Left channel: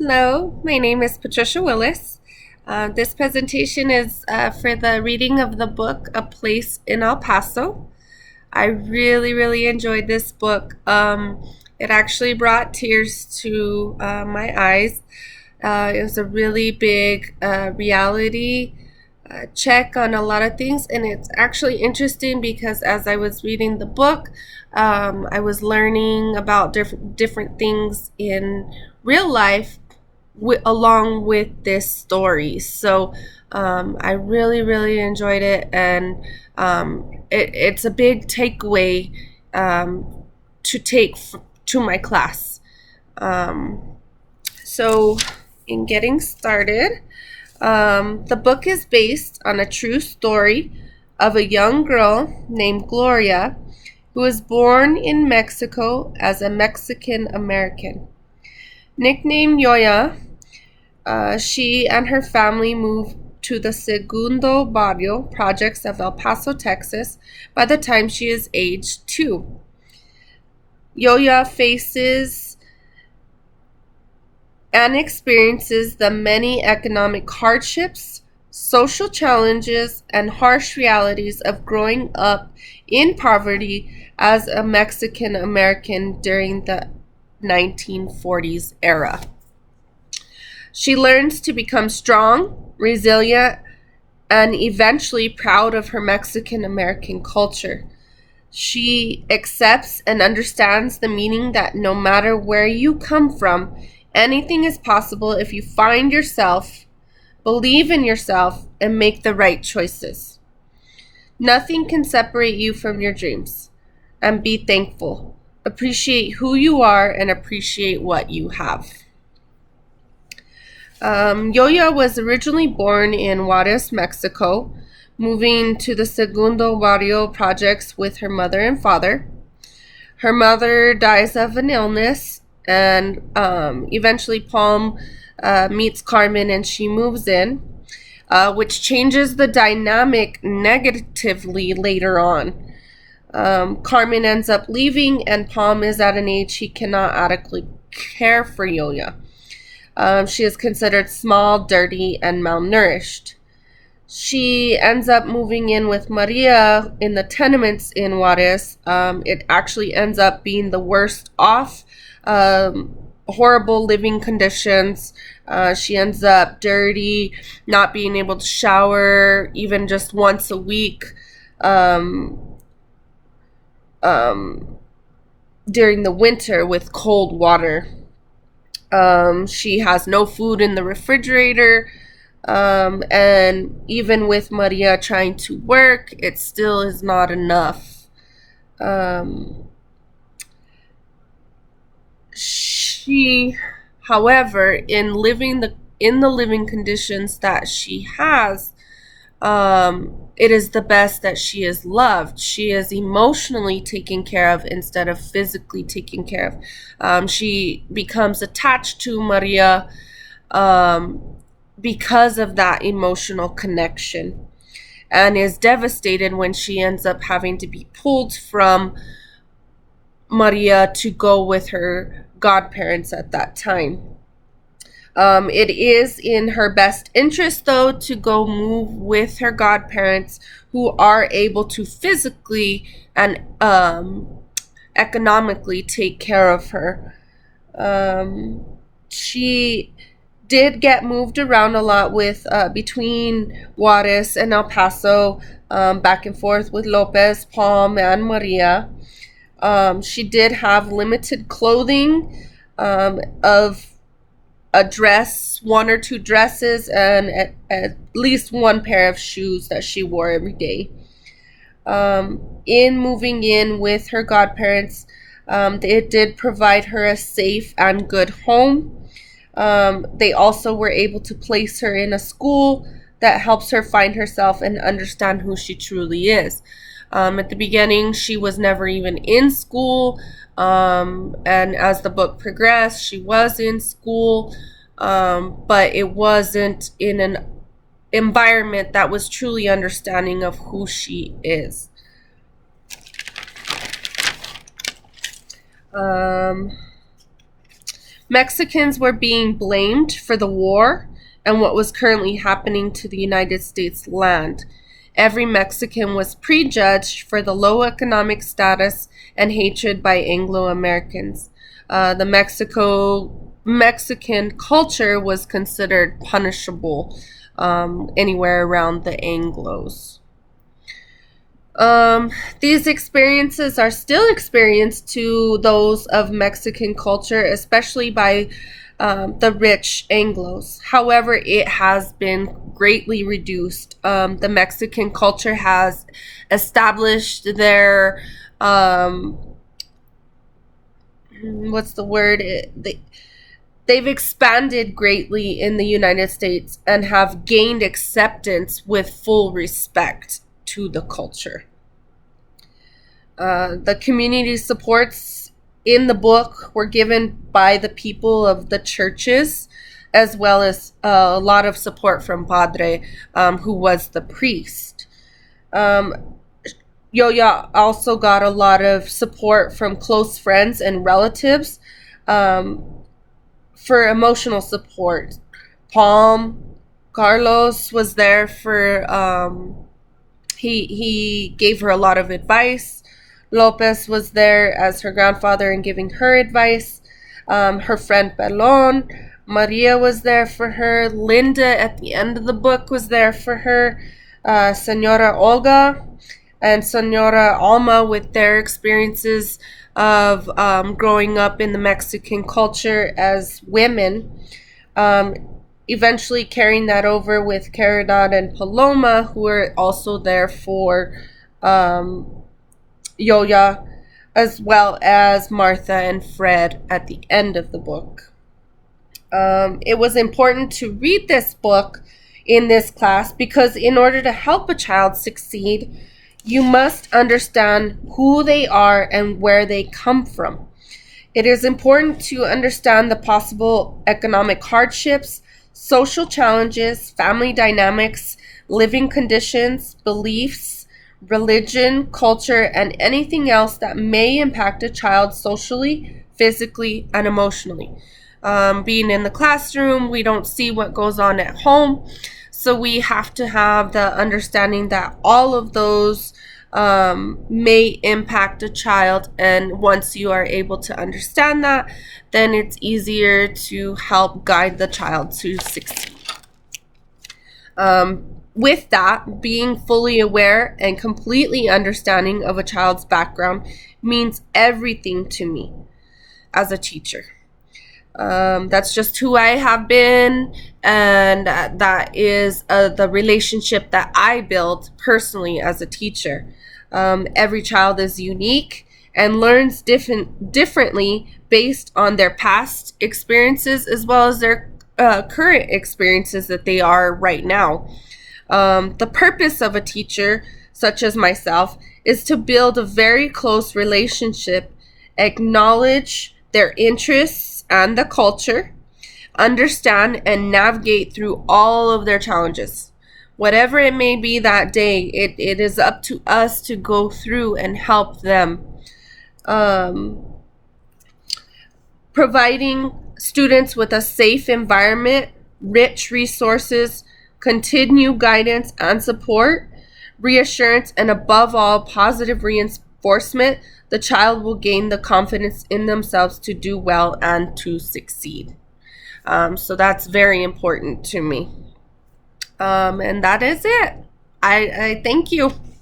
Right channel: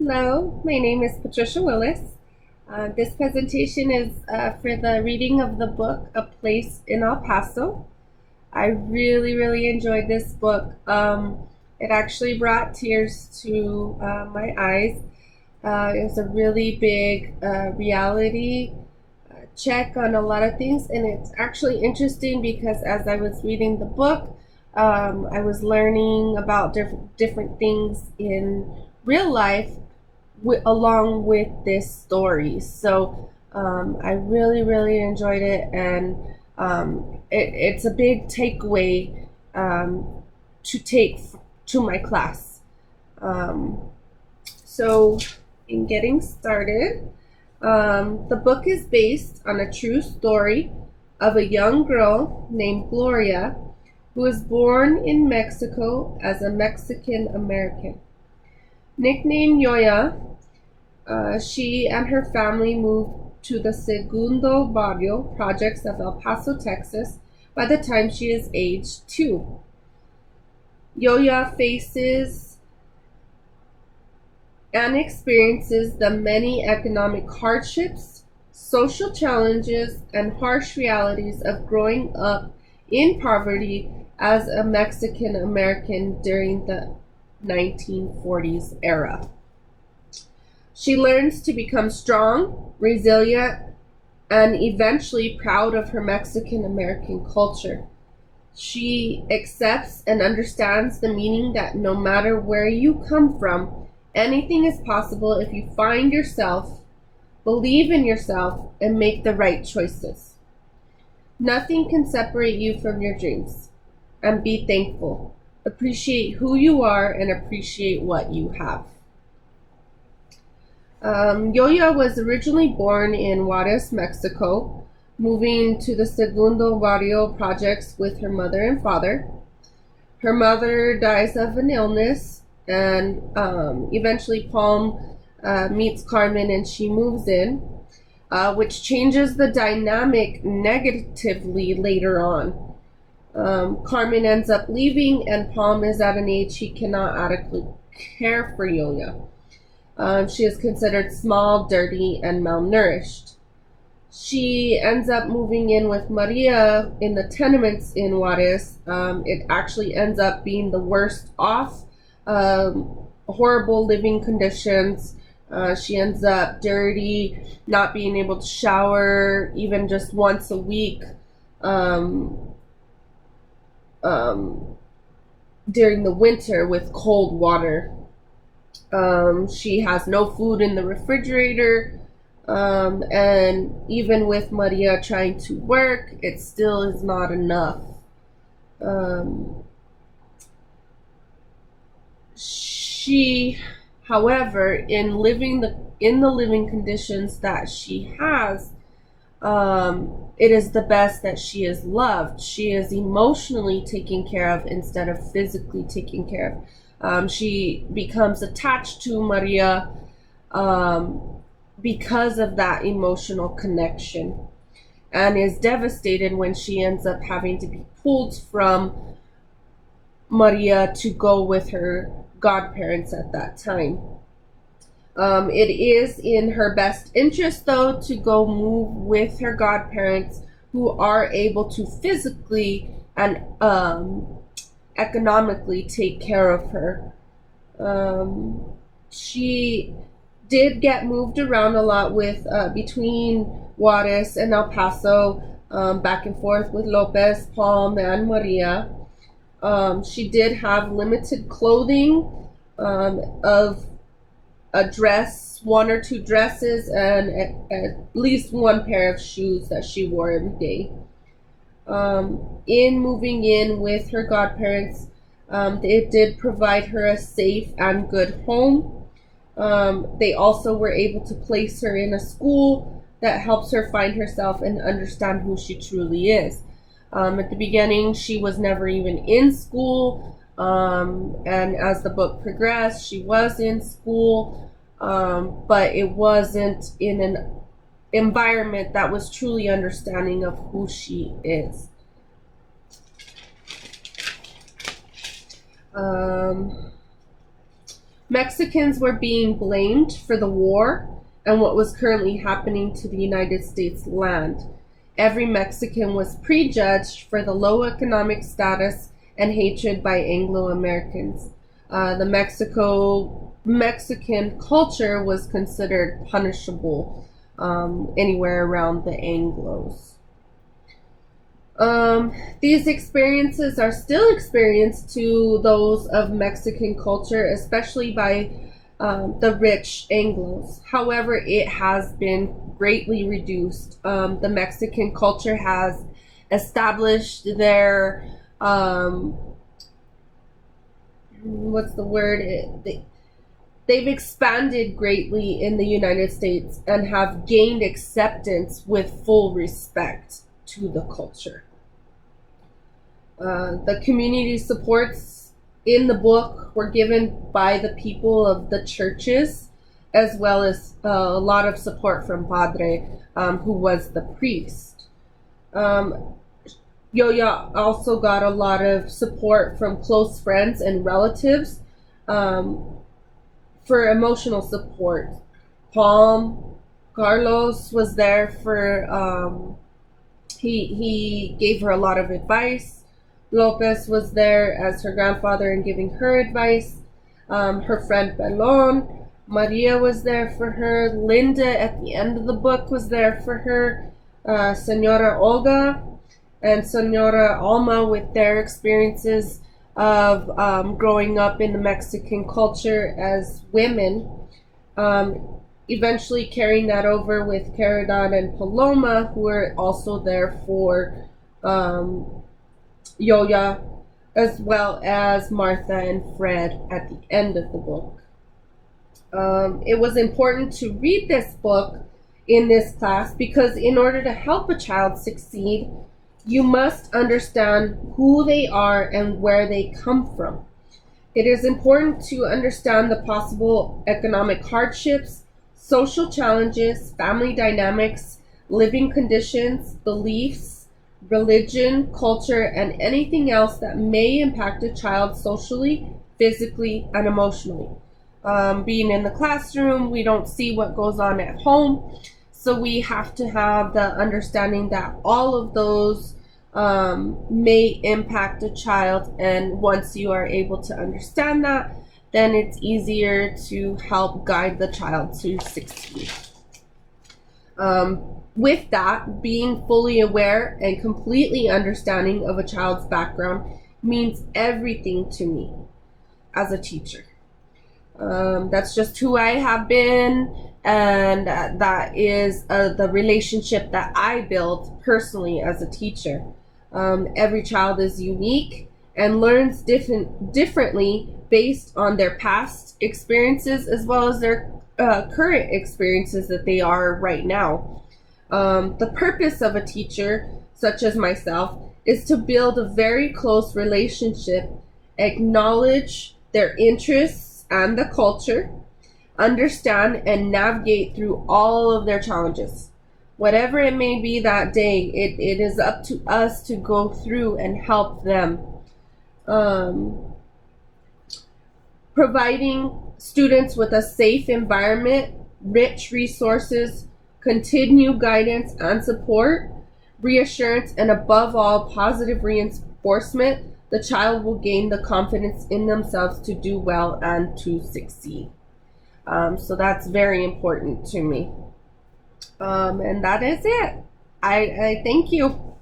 Hello, my name is Patricia Willis. This presentation is for the reading of the book A Place in El Paso. I really enjoyed this book. It actually brought tears to my eyes. It was a really big reality check on a lot of things, and it's actually interesting because as I was reading the book, I was learning about different things in real life along with this story. So I really enjoyed it, and it's a big takeaway to take to my class. Um, so, in getting started, the book is based on a true story of a young girl named Gloria who was born in Mexico as a Mexican American. Nicknamed Yoya, she and her family moved to the Segundo Barrio projects of El Paso, Texas, by the time she is age 2. Yoya faces and experiences the many economic hardships, social challenges, and harsh realities of growing up in poverty as a Mexican American during the 1940s era. She learns to become strong, resilient, and eventually proud of her Mexican American culture. She accepts and understands the meaning that no matter where you come from, anything is possible if you find yourself, believe in yourself, and make the right choices. Nothing can separate you from your dreams. And be thankful. Appreciate who you are and appreciate what you have. Yoya was originally born in Juarez, Mexico, moving to the Segundo Barrio projects with her mother and father. Her mother dies of an illness, and eventually Palm meets Carmen and she moves in, which changes the dynamic negatively later on. Carmen ends up leaving, and Palm is at an age he cannot adequately care for Yoya. She is considered small, dirty, and malnourished. She ends up moving in with Maria in the tenements in Juarez. It actually ends up being the worst off, horrible living conditions. She ends up dirty, not being able to shower even just once a week during the winter with cold water. She has no food in the refrigerator. And even with Maria trying to work, it still is not enough. She, however, in the living conditions that she has, it is the best that she is loved. She is emotionally taken care of instead of physically taken care of. She becomes attached to Maria because of that emotional connection, and is devastated when she ends up having to be pulled from Maria to go with her godparents at that time. It is in her best interest, though, to go move with her godparents who are able to physically and economically take care of her. She did get moved around a lot with between Juarez and El Paso, back and forth with Lopez, Palm, and Maria. She did have limited clothing of a dress, one or two dresses, and at least one pair of shoes that she wore every day. In moving in with her godparents, it did provide her a safe and good home. They also were able to place her in a school that helps her find herself and understand who she truly is. At the beginning, she was never even in school, and as the book progressed, she was in school, but it wasn't in an environment that was truly understanding of who she is. Mexicans were being blamed for the war and what was currently happening to the United States land. Every Mexican was prejudged for the low economic status and hatred by Anglo-Americans. The Mexican culture was considered punishable anywhere around the Anglos. These experiences are still experienced to those of Mexican culture, especially by the rich Anglos. However, it has been greatly reduced. The Mexican culture has established their what's the word? They've expanded greatly in the United States and have gained acceptance with full respect to the culture. The community supports in the book were given by the people of the churches, as well as a lot of support from Padre, who was the priest. Yoya also got a lot of support from close friends and relatives for emotional support. Palm Carlos was there for he gave her a lot of advice. Lopez was there as her grandfather and giving her advice. Her friend Pelon, Maria was there for her. Linda at the end of the book was there for her. Senora Olga and Senora Alma with their experiences of growing up in the Mexican culture as women. Eventually carrying that over with Caridad and Paloma, who were also there for Yoya, as well as Martha and Fred at the end of the book. It was important to read this book in this class because in order to help a child succeed, you must understand who they are and where they come from. It is important to understand the possible economic hardships, social challenges, family dynamics, living conditions, beliefs, religion, culture, and anything else that may impact a child socially, physically, and emotionally. Being in the classroom, we don't see what goes on at home, so we have to have the understanding that all of those may impact a child, and once you are able to understand that, then it's easier to help guide the child to succeed. With that, being fully aware and completely understanding of a child's background means everything to me as a teacher. That's just who I have been, and that is the relationship that I build personally as a teacher. Every child is unique and learns differently based on their past experiences as well as their current experiences that they are right now. The purpose of a teacher, such as myself, is to build a very close relationship, acknowledge their interests and the culture, understand and navigate through all of their challenges. Whatever it may be that day, it is up to us to go through and help them. Providing students with a safe environment, rich resources, continued guidance and support, reassurance, and above all, positive reinforcement, the child will gain the confidence in themselves to do well and to succeed. So that's very important to me. And that is it. I thank you.